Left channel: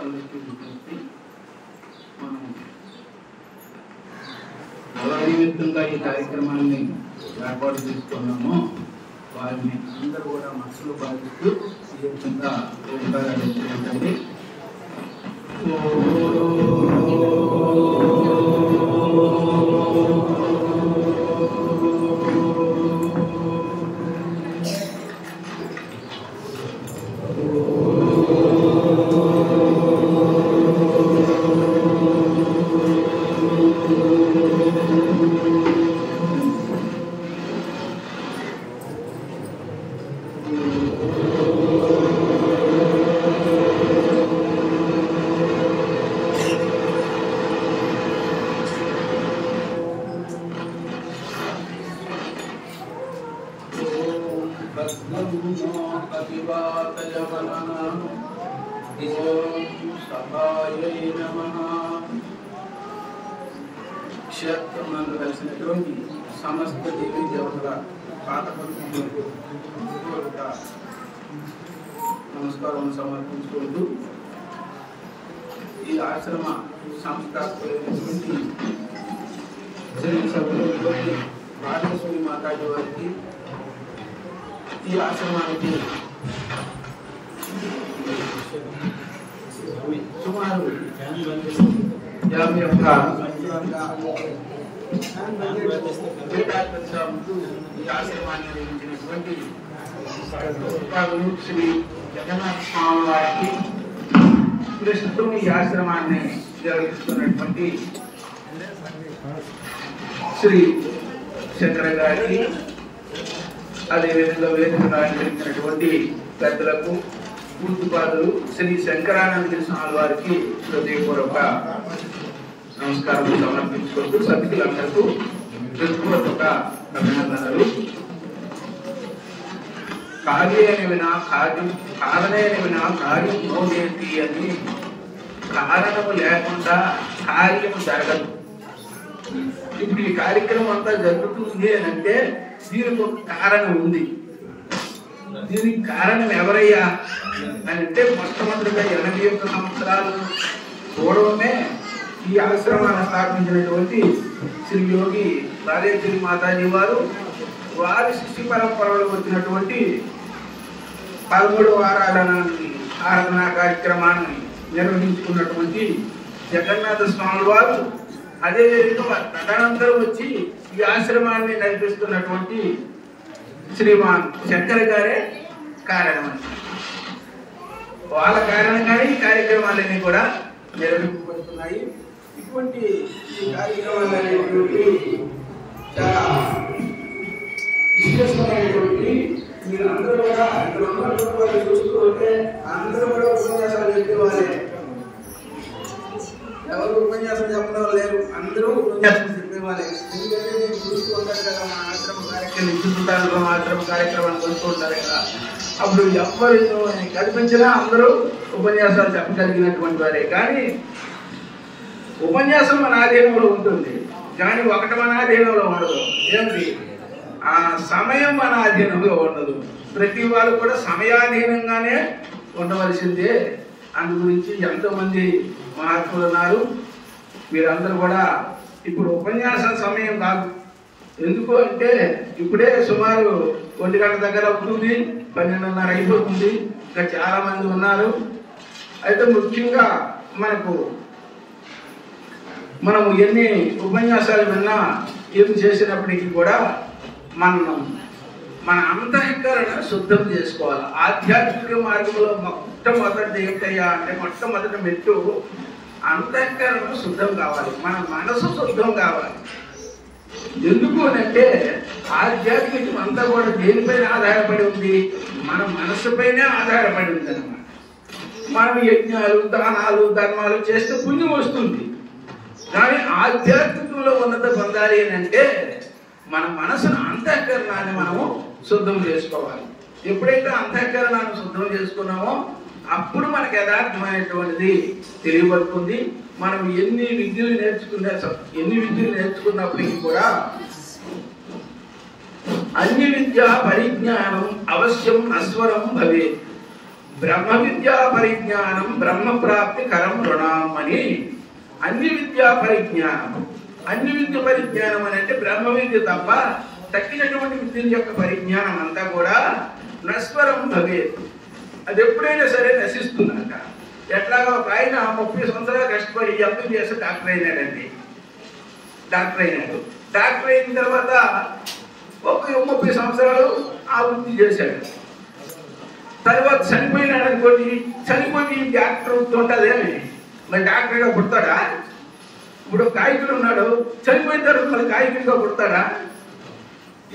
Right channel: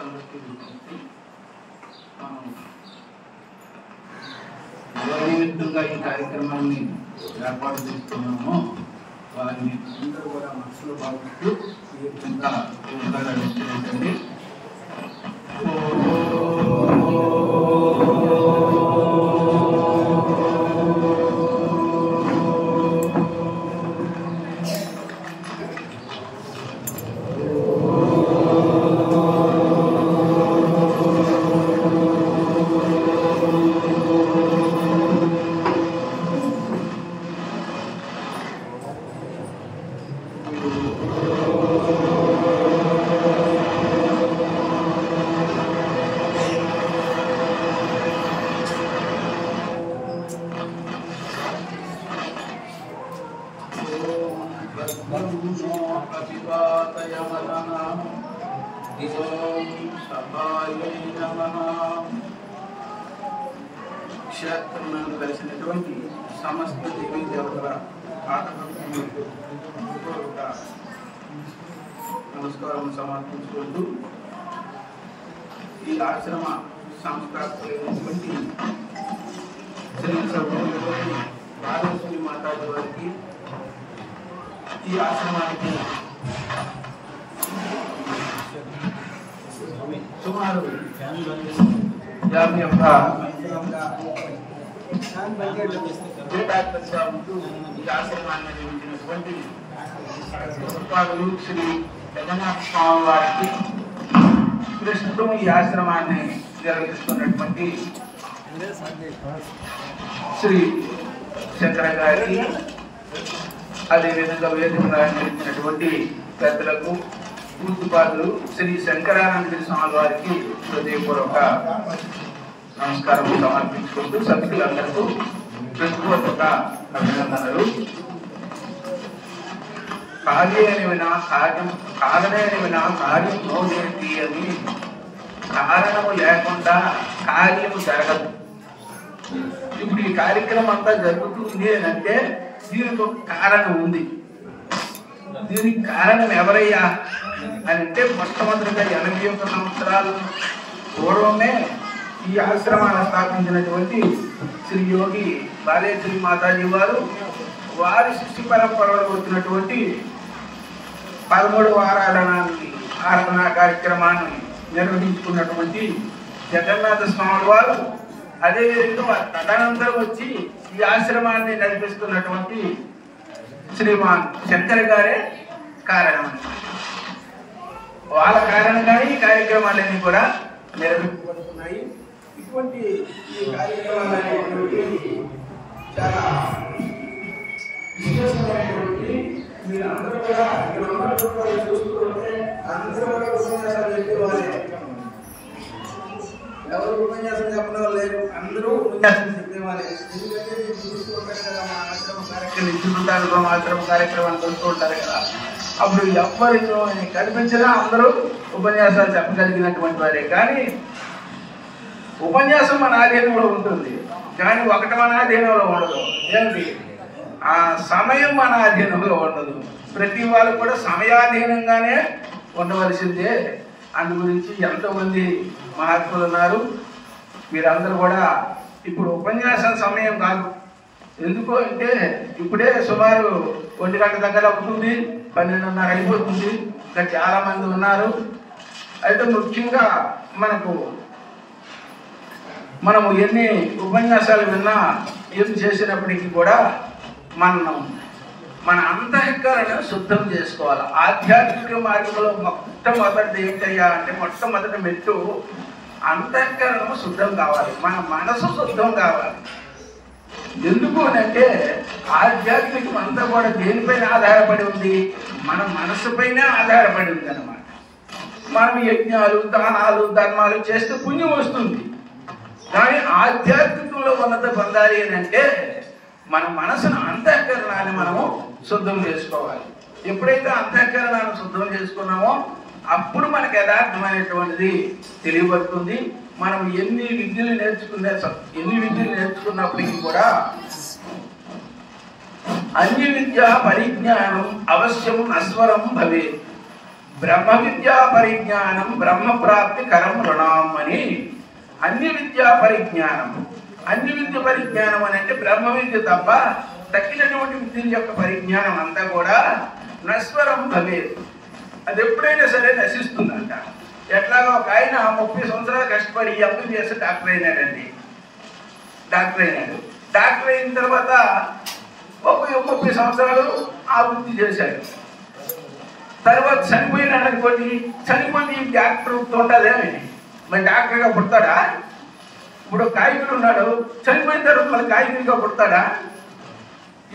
అందరికీ విజ్ఞప్తి, మనం ఎవరి నిమిత్తంగా ఈ కార్యక్రమాన్ని ఏర్పాటు చేస్తున్నామో వారిని అందరూ కూడా మనసులో భావిస్తూ ఈ విధంగా ఉపకారాలు ఇచ్చినట్టండి. క్షేత్రమునందు కలిసినటువంటి సమస్త దేవీ దేవతల పాఠపడుతున్నటువంటి నమస్కారం సమర్పించుకుంటూ ఈ ఆశ్రమ సంస్థాపకులైనటువంటి రాజేశ్వరి మాతాజీ వారికి, ఈ ఆశ్రమానికి సుమారు 51 ఈ ఆశ్రమాన్ని నిర్మించినటువంటి శ్రీ జగన్నాథ స్వామి వారికి, ప్రస్తుతం ఈ ఆశ్రమాన్ని నిర్వహిస్తున్నటువంటి శ్రీ శంకర గారికి, అదేవిధంగా వేదికను అలంకరించినటువంటి పెద్దలకు, పూజ్యపాదులు శ్రీ శంకరానంద స్వామి వారికి హృదయపూర్వక నమస్కారం సమర్పించుకుంటూ సభ్యులందరికీ హృదయపూర్వక అభినందనలు. కార్యేన వినా కార్యం, కారణేన వినా కార్యం నోదేతి అని, కారణము లేకుండా కార్యము జరగదు. ఇప్పుడు ఈ కార్యక్రమం అంతా జరుగుతుంది అని అంటే దీనికి ఒక కారణం ఉంది. దీనికి కారణం ఎవరయ్యా అని అంటే, మొట్టమొదటిగా 81 సంవత్సరాలు పూర్వమే ఈ ఆశ్రమాన్ని స్థాపించినటువంటి శ్రీ యోగి బాలేశ్వరి మాతాజీ వారు, వారి శిష్య పరంపరలో వచ్చినటువంటి 13వ ఆరాధనా కార్యక్రమాన్ని నిర్వహించుకున్నటువంటి జగన్నాథ స్వామి వారు, అదేవిధంగా తదనంతరం వచ్చి ఈ ఆశ్రమాన్ని నడిపిస్తున్నటువంటి శ్రీమాన్ శంకర్ గారే కారణమని, వాళ్ళ కారణంగానే ఈ కార్యక్రమాలన్నీ కూడా నిర్వహింపబడుతున్నాయి. ఇటువంటి ఈ కార్యక్రమాలనేటువంటి చాలా విశేషమైనటువంటి, మీరందరూ కూడా ఇక్కడ ఉన్నటువంటి చూసుకుంటే అందరూ కూడా ఉపన్యాసాలు చెప్పేవారే, ఎవరు ఉపన్యాసం చెప్పడం లేరు, అందరూ ఉపన్యాసం చెప్పేవారే. ఎందుకంటే నేను చూస్తూ ఉంటాను కదా, మా ఆశ్రమ కార్యక్రమం ఇచ్చుకుంటాను, మా ఆశ్రమ కార్యక్రమాన్ని కలుస్తూ ఉంటారు కదా, అప్పుడు ఎవరు కనిపించినా అందరూ ఉపన్యాసాలు చెప్పగలిగినటువంటి వారే. కానీ ఉపన్యాసం మన ఆధీనంలో ఉంటుంది, కానీ ఒకటి మన ఆధీనంలో ఉండదు. ఏమిటి? ఆ సమయం మన ఆధీనంలో ఉండదు. ప్రతి వాళ్ళు కూడా సమయాధీనంగానే ఉండవలసిందే. అందు గురించి ఎంతోమంది మహాత్ములు ఉన్నారు. వీరందరూ కూడా ఇప్పుడు ఉపన్యాసం సమయం కాదు. ఎందుకు అంటే ఇప్పుడే సుమారు 1 గంట దగ్గర అవుతుంది, 12:30 అయిపోతుంది. ఇంకా చాలా మంది ఉన్నారు. అయితే ముఖ్యంగా మనము ఎన్ని ఉపన్యాసాలు విన్నా, ఏం చేసినప్పటికీ కూడా మన అంతఃకరణ శుద్ధం చేసుకోవాలి. ఆధ్యాత్మిక మార్గంలో మొట్టమొదటిది ఏంటయ్యా అంటే, మొట్టమొదటి మెట్టు అంతఃకరణ శుద్ధం కావాలి, మన మనసు శుద్ధం కావాలి. ఎందుకు అంటే ఆధ్యాత్మికం అంతా కూడా దేనిపైన ఆధారపడి ఉంది? మన మనసుపైనే ఆధారపడి ఉంది అన్నమాట. మనం యజ్ఞాలు, దానాలు, ధర్మాలు చేస్తే పుణ్యం వస్తుంది. కానీ ఆధ్యాత్మికంలో ఉన్నత పొందాలి అని అంటే మన మనసును, అంతఃకరణాన్ని మనము శుద్ధం చేసుకోవాలి. ఎప్పుడైతే అంతఃకరణాన్ని శుద్ధం చేసుకున్నామో అప్పుడు మనకు యథార్థమైనటువంటిది తెలియబడుతుంది. మనం ఎన్ని విద్యలు నేర్చుకున్నప్పటికీ కూడా అన్ని విద్య పరిజ్ఞానం అవశ్యం నస్వరం భవే. బ్రహ్మ విద్యా పరిజ్ఞానం బ్రహ్మ ప్రాప్తి కరం రుణాం అని. అన్ని విద్యా పరిజ్ఞానం, అన్ని విద్య పరిజ్ఞానం అని అంటే బ్రహ్మ విద్య తప్ప తక్కినటువంటి విద్యల యొక్క పరిజ్ఞానం అంతా కూడా నశ్వరం భవేత్, అది ఎప్పుడైనా సరే నశిస్తుందంట. ఎట్లాగా ఒక ఆయన 30 సంవత్సరాలు కష్టపడి ఎంబీబీఎస్ డాక్టర్ అయినాడండి. డాక్టర్ అయిన తర్వాత ఒక 30 సంవత్సరాలు ఆ వృత్తి చేశాడు. తర్వాత చనిపోయినాడు అనుకోండి, చనిపోయి డాక్టర్ ఉంటుందేమి, మరి డాక్టర్గా పుడతాడా? ఇప్పుడు గాయకుడు ఉన్నాడు, చనిపోయిన తర్వాత మళ్ళీ గాయకుడిగా పుడతాడా?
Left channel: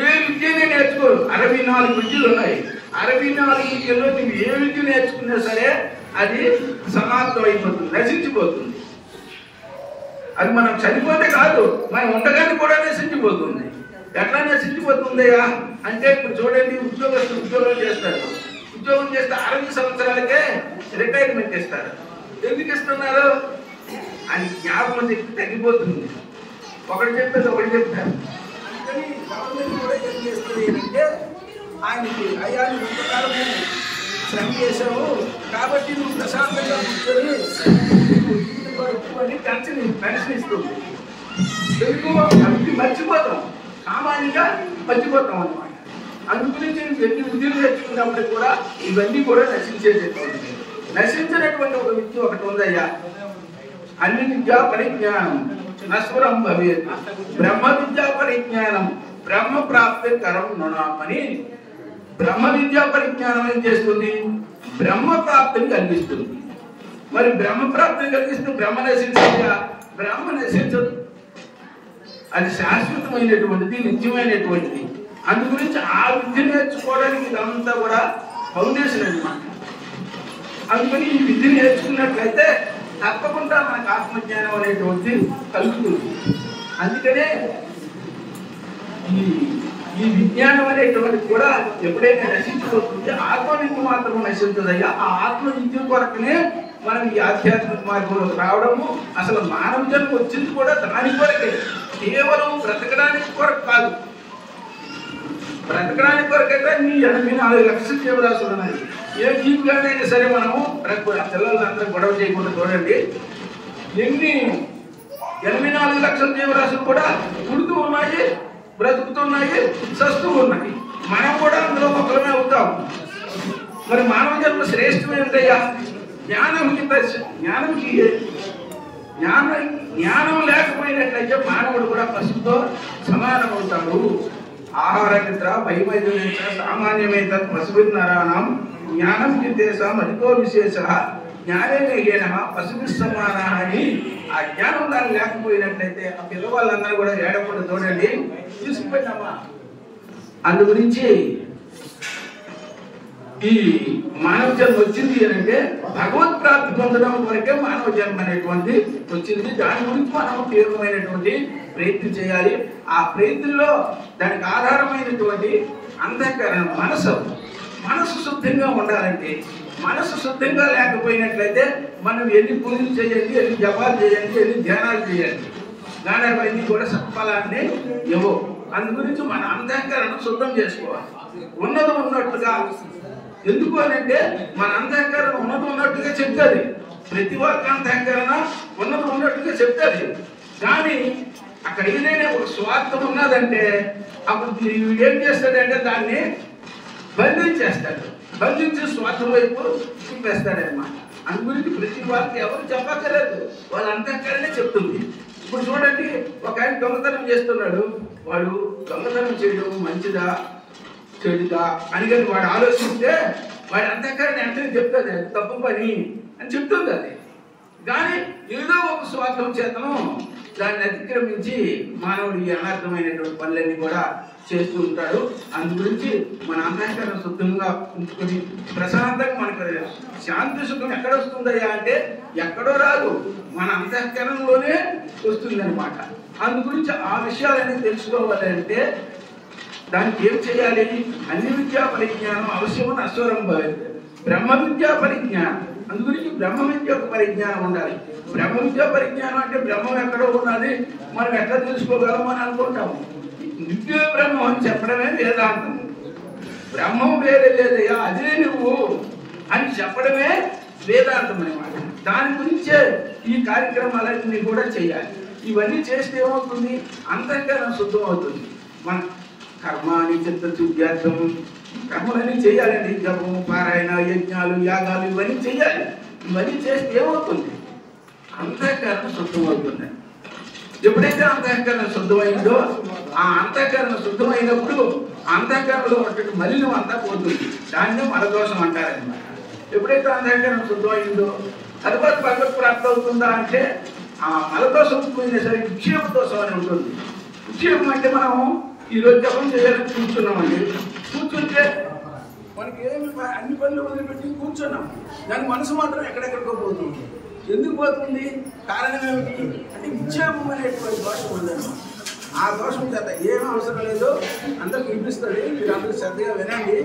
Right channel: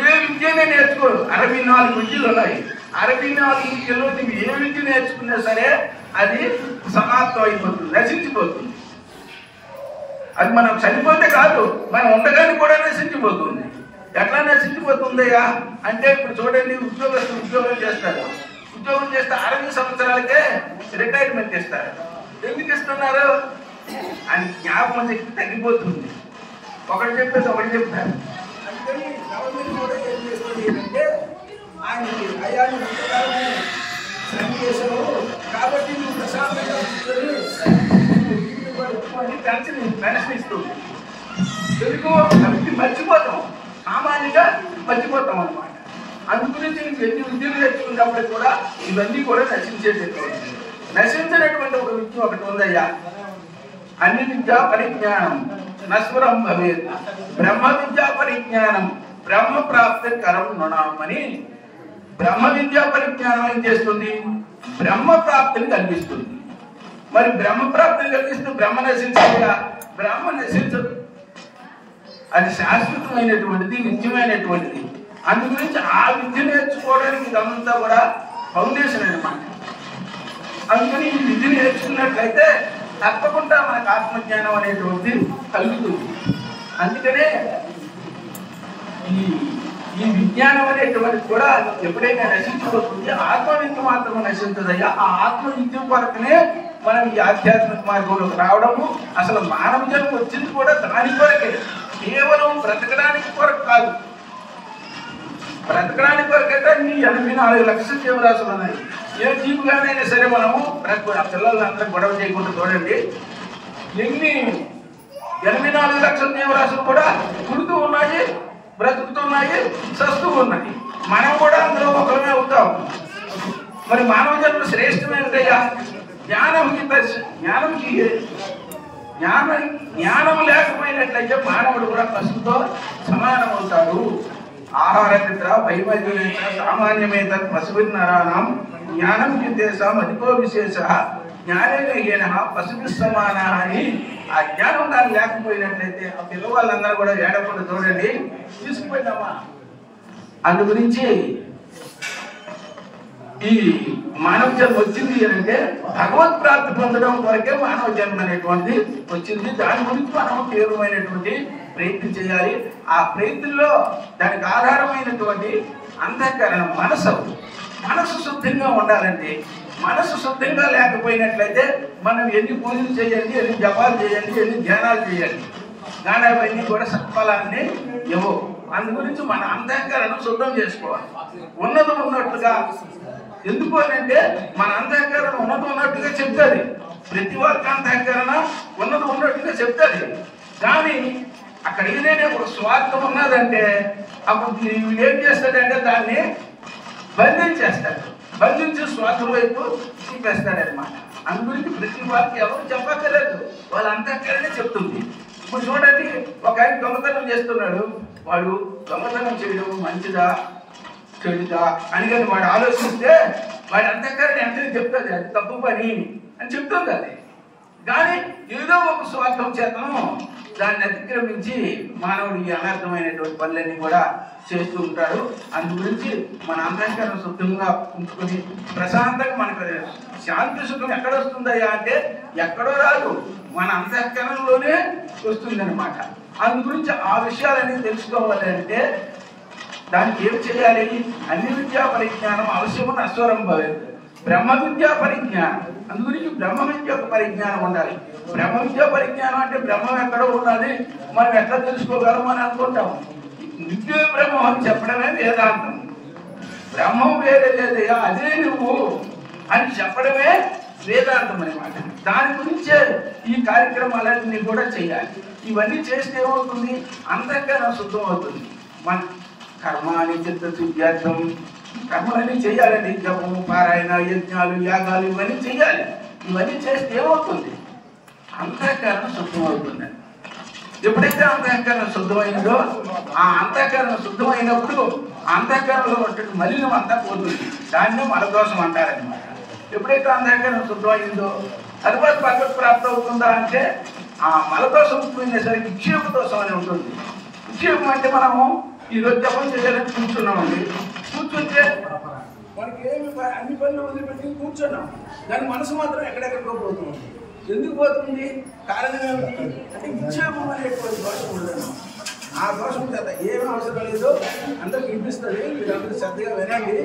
ఏ విద్యనే నేర్చుకోడు. 64 విద్యలు ఉన్నాయి. 64 విద్యలో నువ్వు ఏ విద్య నేర్చుకున్నా సరే అది సమాప్తం అయిపోతుంది, నశించిపోతుంది. అది మనం చనిపోతే కాదు, మనం ఉండగానే కూడా నశించిపోతుంది. ఎట్లా నశించిపోతుందయ్యా అంటే ఇప్పుడు చూడండి, ఉద్యోగస్తులు ఉద్యోగం చేస్తారు. ఉద్యోగం చేస్తే 60 సంవత్సరాలకే రిటైర్మెంట్ ఇస్తారు. ఎందుకు ఇస్తున్నారు? అని జ్ఞాపకం శక్తి తగ్గిపోతుంది. ఒకటి చెప్పేది ఒకటి చెప్తారు. అందుకని గవర్నమెంట్ కూడా ఏం చేస్తుంది అంటే ఆయనకి అయ్యాన్ని ముందుకాలమే శ్రమ చేసావు కాబట్టి నువ్వు ప్రశాంతంగా కూర్చొని పెన్షన్ ఇస్తుంది. తెలుగు అవి మర్చిపోతాం, సామాన్యంగా మర్చిపోతాం అనమాట. అందుగురించి ఎన్ని విద్యలు నేర్చుకున్నప్పుడు కూడా ఇవన్నీ కూడా నశించేటటువంటి, నశించినటువంటి ఒక విద్య ఒకటి ఉందయ్యా. అన్ని విద్యా పరిజ్ఞానం నశ్వరం భవేత్, బ్రహ్మ విద్యా పరిజ్ఞానం బ్రహ్మ ప్రాప్తి కరం నృణామని. బ్రహ్మ విద్యా పరిజ్ఞానం ఏం చేస్తుంది? బ్రహ్మ ప్రాప్తిని కలిగిస్తుంది. మరి బ్రహ్మ ప్రాప్తిని కలిగిస్తూ బ్రహ్మ నశించగా? బ్రహ్మ నశించదు, అది శాశ్వతమైనటువంటిది, నిత్యమైనటువంటిది. అందు గురించి ఆ విద్య నేర్చుకోవడానికి ఇదంతా కూడా ఫౌండేషన్ అన్నమాట. అందుకని ఈ విద్య నేర్చుకున్నట్లయితే తప్పకుండా మనకు ఆత్మజ్ఞానం అనేటువంటి కలుగుతుంది. అందుకనే ఈ విజ్ఞానం అనేటువంటిది కూడా ఎప్పుడైనా నశించిపోతుంది, ఆత్మవిద్య మాత్రం నశించదయ్యా. ఆ ఆత్మవిద్య కొరకనే మనం ఈ ఆధ్యాత్మిక మార్గంలోకి రావడము. అసలు మానవ జన్మ వచ్చింది కూడా దాని కొరకే, కేవలం బ్రతకడానికి కొరకు కాదు. బ్రతకడానికి కొరకైతే ఈ 84 లక్షల జీవరాశులు ఉన్నాయి. ఏ జీవిగానైనా సరే మనము పిల్లలందరూ గొడవ చేయకుండా చూడండి, ఎన్ని 84 లక్షల జీవరాశులు కూడా పుడుతూ ఉన్నాయి, బ్రతుకుతున్నాయి, సస్తూ ఉన్నాయి. మనం కూడా అందులో ఒకరమే అవుతాం. మరి మానవ జన్మ శ్రేష్టం ఏమిటయ్యా? జ్ఞానం లేకపోయినట్లయితే మానవుడు కూడా పశువుతో సమానం అవుతాడు. ఆహార నిద్ర భయమైదు నిద్ర సామాన్యమేత పశుభిన్నరాణం జ్ఞానం జిద్దేశం అధికో విశేష జ్ఞానేన పశుభి సమాన అని. ఆ జ్ఞానం కానీ లేకపోయినట్లయితే ఆ పిల్లవాళ్ళందరూ కూడా ఏడకుండా చూడండి, తీసుకుపోయినామా. అందు గురించి ఈ మానవ జన్మ వచ్చింది అంటే భగవత్ ప్రాప్తి పొందడం వరకే మానవ జన్మ అనేటువంటి వచ్చింది. దాని గురించి మనం తీవ్రమైనటువంటి ప్రయత్నం చేయాలి. ఆ ప్రయత్నంలో దానికి ఆధారమైనటువంటి అంతఃకరణం మనసు శుద్ధంగా ఉండాలంటే, మనసు శుద్ధంగా లేకపోయినట్లయితే మనం ఎన్ని పూజలు చేయండి, ఎన్ని జపాలు చేయండి, ఎన్ని ధ్యానాలు చేయండి, గానాలన్నీ కూడా సత్ఫలాన్ని ఇవ్వవు. అందు గురించి మన అంతఃకరణం శుద్ధం చేసుకోవాలి. ఉన్నది ఉన్నట్టుగా, ఎందుకు అంటే మన అంతఃకరణ ఉన్నది ఉన్నట్టుగా చెప్తుంది. ప్రతి ఒక్క అంతఃకరణ ఉన్నది ఉన్నట్టుగా చెప్తుంది. కానీ అక్కడ ఏదైనా ఒక స్వార్థం ఉన్నదంటే అప్పుడు వీడేం చేస్తాడంటే దాన్ని బంధించేస్తాడు, బంధించి స్వార్థం వైపు చూపేస్తాడనమాట. అందు గురించి ప్రతి వారికి ఎవరు చెప్పక్కర్లేదు, వాళ్ళ అంతఃకరణే చెప్తుంది. ఇప్పుడు చూడండి, ఒక ఆయన దొంగతనం చేస్తున్నాడు, వాడు దొంగతనం చేయడం మంచిదా చెడుదా అని కానీ వాడు ఆలోచిస్తే వాడి అంతఃకరణ వెంటనే చెప్తుంది అది తప్పు పని అని చెప్తుంది. అది కానీ ఏదో ఒక స్వార్థం చేతను దాన్ని అతిక్రమించి మానవుడి అనర్థమైనటువంటి పనులన్నీ కూడా చేస్తూ ఉంటాడు. అందు గురించి మన అంతఃకరణ శుద్ధంగా ఉంచుకొని ప్రశాంతంగా మనకు శాంతి సుఖం ఎక్కడ వస్తుందయ్యా అంటే ఎక్కడో రాదు, మన అంతఃకరణలోనే వస్తుంది అనమాట. అందు గురించి ఆ విషయాలన్నీ తెలుసుకోవాలి అంటే దానికి ఏం చేయాలి? అన్ని విద్యా పరిజ్ఞానం అవశ్యమని అశ్వరం భవేత్, బ్రహ్మ విద్యా పరిజ్ఞానం. అందు గురించి బ్రహ్మ విద్య యొక్క పరిజ్ఞానం ఉండాలి. బ్రహ్మ విద్యా పరిజ్ఞానం అంటే బ్రహ్మం ఎక్కడో ఉన్నది మనం ఎట్లా తెలుసుకోగలము అని అనుకుంటాము. నిత్య బ్రహ్మం అని చెప్పడమే వేదాంతం. బ్రహ్మం వేరే లేదయ్యా, అదే నువ్వు. అని చెప్పడమే వేదాంతం అనమాట. దాని గురించే ఈ కార్యక్రమాలన్నీ కూడా చేయాలి. ఇవన్నీ చేస్తే ఏమవుతుంది? అంతఃకరణ శుద్ధం అవుతుంది. మన కర్మాని చిత్తశుద్ధ్యార్థం కర్మలన్నీ చేయాలండి. జపము, పారాయణ, యజ్ఞాలు, యాగాలు ఇవన్నీ చేయాలి. ఇవన్నీ చేస్తే ఏమవుతుంది? అంతఃకరణ శుద్ధం అవుతుంది. ఎప్పుడైతే అంతఃకరణ శుద్ధమైందో ఆ అంతఃకరణ శుద్ధమైనప్పుడు అంతఃకరణలో ఉన్నటువంటి మలినం అంతా పోతుంది. దాన్నే మలదోషం అంటారనమాట. ఎప్పుడైతే అంతఃకరణ శుద్ధమైందో తరువాత భగవత్ ప్రాప్తి అవుతుందా అంటే ఆ మలదోషం పోయినసరికి విక్షేప దోషం అని ఉంటుంది. విక్షేపం అంటే మనము ఈరోజు జపం చేయాలని కూర్చున్నామండి. కూర్చుంటే మనకి ఏమి అన్ని పనులు వదిలిపెట్టి కూర్చున్నాం, దాని మనసు మాత్రం ఎక్కడెక్కడికో పోతుంది. ఎందుకు పోతుంది? కారణం ఏమిటి అంటే విక్షేపం అనేటువంటి దోషం ఉందన్నమాట. ఆ దోషం చేత ఏం అవసరం లేదు, అందరికి వినిపిస్తుంది, మీరందరూ శ్రద్ధగా వినండి.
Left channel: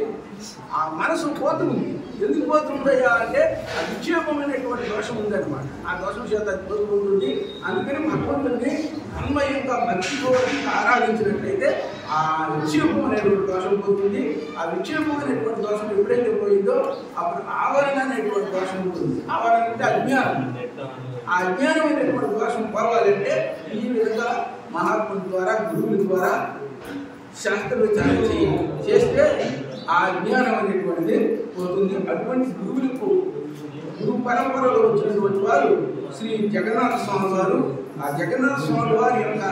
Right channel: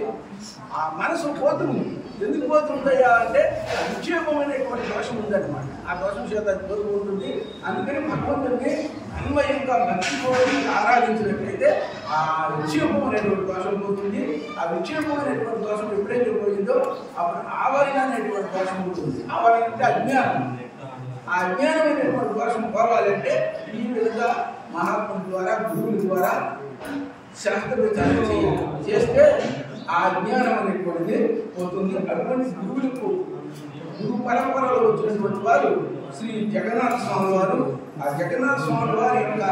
ఆ మనసు పోతుంది. ఎందుకు పోతుందయ్యా అంటే ఆ విక్షేపం అనేటువంటి దోషం ఉందన్నమాట. ఆ దోషం చేత పోతుంది. అందుకని భగవంతుడిని అన్వయంగా భక్తితోటి ఆరాధించినట్లయితే ఆ విక్షేపం అనేటువంటి దోషం పోతుంది. ఆ విక్షేపం అనేటువంటి దోషం ఎప్పుడైతే పోయిందో అప్పుడు ఆవరణ అనేటువంటి దోషం ఉంటుంది. ఆవరణ అంటే అజ్ఞానం. ఆ అజ్ఞానం అనేటువంటి దోషం పోవాలంటే ఈ విధంగా మహాత్ముల ద్వారా, గురువుల ద్వారా శాస్త్ర విచారణ చేయాలి. చేస్తే ఆ జ్ఞానం అనేటువంటిది పోతుంది. అటువంటి గురువులకు, గురు పరంపరలో వచ్చినటువంటి వారు శ్రీ జగన్నాథ స్వామి వారు. ఆ జగన్నాథ స్వామి వారి యొక్క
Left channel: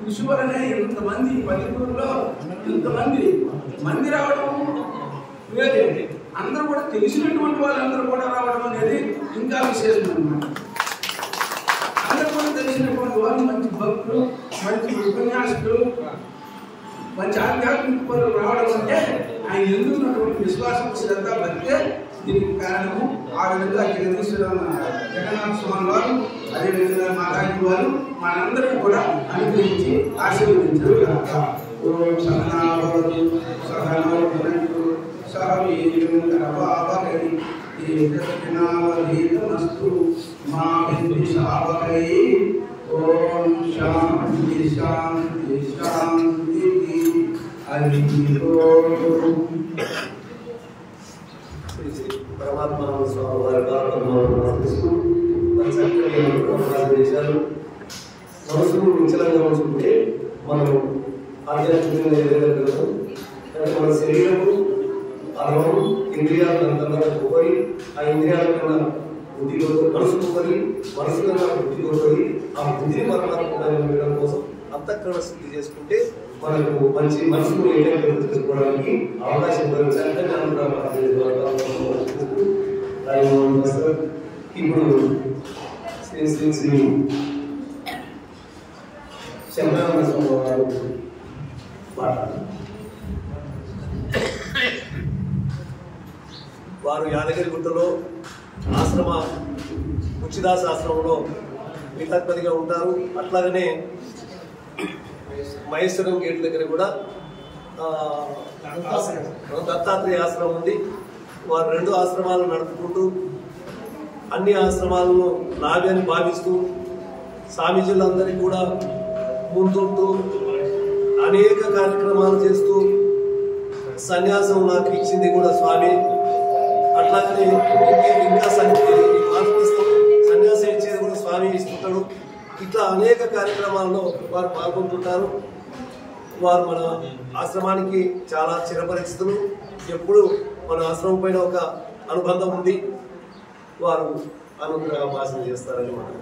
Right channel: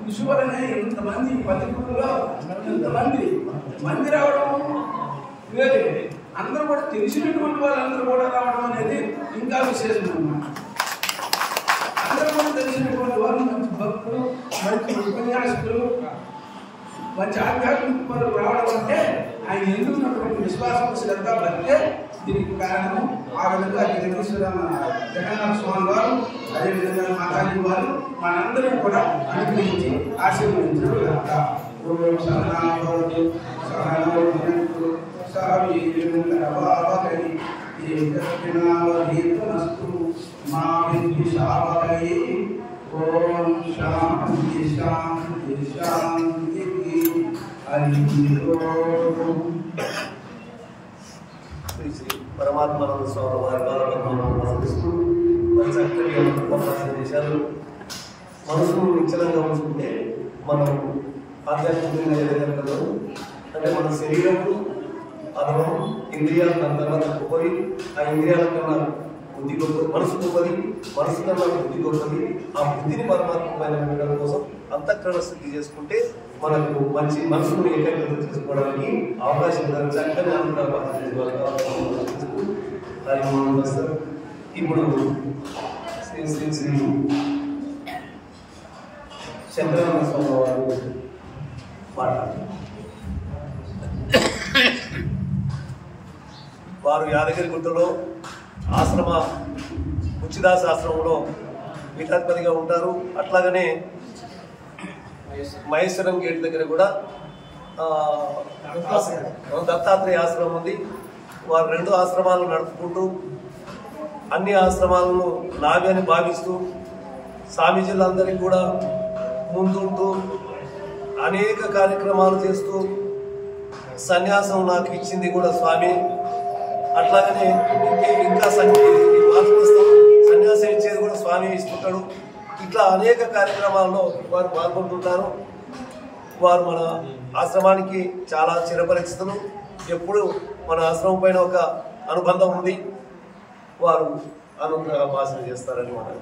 కృషి వలనే ఇంతమంది 10 గురువులో ఇంతమంది మంది రావడం వేరే, అందరూ కూడా తెలిసినటువంటి వాళ్ళందరూ కూడా రావడం అనేది ఇంకా విశేషం అన్నమాట. అందరూ కూడా తెలిసినటువంటి వాళ్ళు, మంచి భక్తులు, మంచి ఉపన్యాసకులు, మంచి ఆధ్యాత్మిక పనులు రావడం అంటే ఆయన ఎందుకున్నటువంటి విశ్వాసం, శ్రద్ధ, భక్తే దీనికి కారణము. ఆ విధంగా జగన్నాథ స్వామి వారు, అదేవిధంగా మాతాజీ వారు మనందరం కూడా అనుగ్రహించి ఆశీర్వదించారు. ఓం శాంతి శాంతి శాంతి. పరమాత్మ స్వామి వారి చక్కటి దేశాలు మనసును నిశ్చలంగా ఉంచుకుంటే మనం ఆధ్యాత్మికంగా ఎదగలుగుతాం. అంటే మన శరీరము, అనుభవం, ఇంద్రియాలు దాని తర్వాత గొప్పది. ఆ ఇంద్రియాలకన్నా బుద్ధి గొప్పది, మనసు గొప్పది. మనసు కన్నా బుద్ధి గొప్పది. ఆ బుద్ధిని పరమాత్మ వినడం కోసం అంతఃకరణ శుద్ధి చేసుకుంటే మనకు మంచి మనసును ఏకాగ్రత చేసుకోవడానికి అవకాశం ఉంటుంది. చక్కని అనుకున్న ఇప్పుడు శ్రీ శ్రీ శ్రీ శంకరానంద స్వామి వారు మాట్లాడారు. వారు యాదగిరి గుట్టలో ఆశ్రమ ఉచిదాస ఆశ్రమంలో పీఠాధిపతిగా ఉంటారు. అట్లాగనే మహేశ్వరం గేట్ దగ్గర కూడా దత్తాత్రేయ ఆశ్రమం ఉంది. వారు 2 ఆశ్రమాలు నడుపుకుంటూ అన్ని ఆశ్రమాలను నావి అని భావిస్తూ స్వామీజీలందరికీ కూడా ముందుంటూ అనేక కార్యక్రమాలు చేస్తూ సన్యాసం నాకు ఇచ్చింది కూడా స్వామి. అట్లాగనే ఇంకా సన్యాసం ఇచ్చేది కూడా స్వామి ఇస్తుంటాడు. ఇట్లా అనేక కార్యక్రమాల్లో వారు పాల్గొంటుంటారు. వారు మన ఆశ్రమానికి చాలా చిరపరిచితులు. ఎప్పుడు మన ఆశ్రమం పైన ఒక అనుబంధం ఉంది. వారు అనుగ్రహ భాషణ చేస్తారని మనం